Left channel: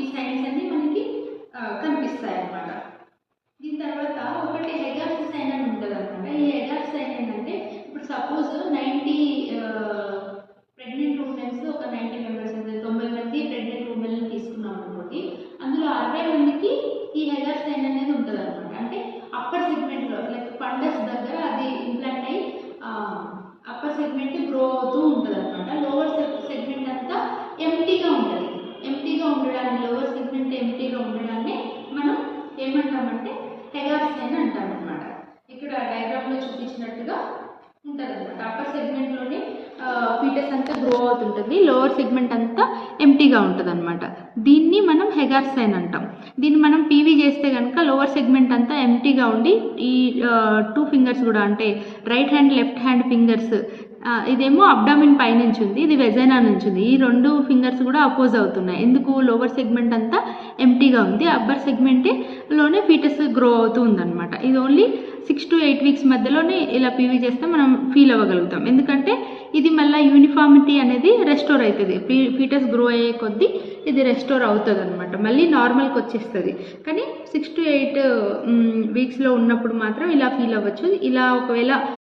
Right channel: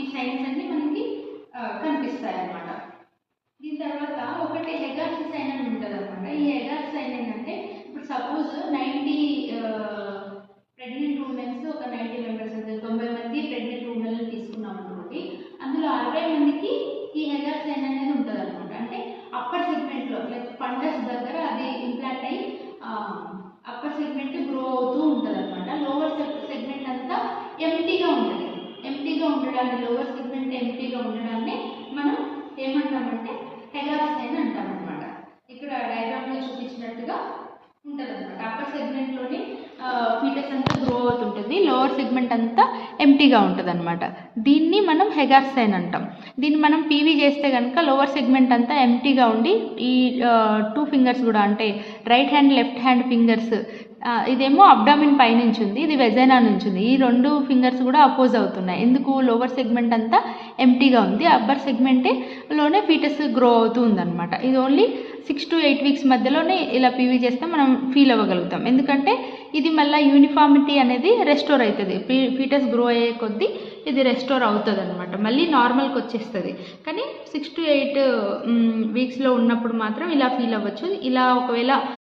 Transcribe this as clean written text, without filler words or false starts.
ఈ సైన్స్ అన్ని మనకి కనిపిస్తాయి అన్నమాట. దీని తర్వాత ఒకటి హెగార్స్ సైన్ అని ఉంటుంది అనమాట. ఈ హెగార్స్ సైన్ ఏంటంటే ఇప్పుడు సపోజ్ 90 ప్రెగ్నెంట్ ఉమెన్స్, ఒక 90 మెంబర్స్ అంటే 90 మంది ప్రెగ్నెంట్ ఉమెన్ తీసుకున్నాం అనుకోండి. అందులో 60 మందికి ఈ హెగార్స్ సైన్ అనేది ఉంటుంది అనమాట. అంటే అప్పర్ సెగ్మెంట్లో లైక్ ఫండస్ దగ్గర అది ఇంప్లాంట్ అయ్యి అప్పర్ సెగ్మెంట్ గ్రో అవుతూ ఉంటుంది అనమాట. లోవర్ సెగ్మెంట్ అంతా ఎంటీగా ఉంటుంది. ఎంటీగా ఉండడాన్ని, లోవర్ సెగ్మెంట్ ఎంటీగా ఉండడాన్ని మనం ఏమంటామంటే హెగార్స్ సైన్ అంటాం అనమాట. ఇక్కడ డయాగ్రామ్లో చూపించినట్టుగా ఉంటుంది అనమాట. అప్పర్ సెగ్మెంట్లోని ఫీటస్ అంతా గ్రో అవుతుంటుంది, లోవర్ సెగ్మెంట్ అంతా ఎంటీగా ఉంటుంది అనమాట. దీన్ని మనం హెగార్స్ సైన్ అంటాం. దీన్ని మనం పీవీ చేస్తే కనుక లోవర్ సెగ్మెంట్ అంతా ఎంటీగా ఉండి ఈ 2 ఫింగర్స్ కూడా అంటే right hand left hand fingers, ఇదేమో అబ్డామిన్ పై నుంచి ఉంది, ఇది వెజైనా నుంచి ఉంది. ఈ 2 ఫింగర్స్ కూడా అపోజ్ అవుతున్నాయి. ఎందుకు? లోవర్ సెగ్మెంట్ అంతా ఎంటీగా ఉంది, అప్పర్ సెగ్మెంట్లోనే ఫీటస్ గ్రో అవుతూ ఉందన్నమాట. ఇది ఓన్లీ 6 to 8 వీక్స్ మధ్యలోనే ఇలా పీవీ చేస్తే మనం ఫీల్ అవ్వగలుగుతాం. ఎందుకంటే ఇది మళ్ళీ యూనిఫార్మిటీ అనేది రెస్టోర్ అవుతుంది. ఫీటస్ గ్రో అయ్యే కొద్దీ ఇది రెస్టోర్ అవుతుంది అనమాట, మళ్ళీ నార్మల్కి వచ్చేస్తుంది. కానీ 6 to 8 వీక్స్లో ఉన్నప్పుడు మాత్రం ఇలా ఫీల్ అవ్వచ్చు. ఇలా ఒకవేళ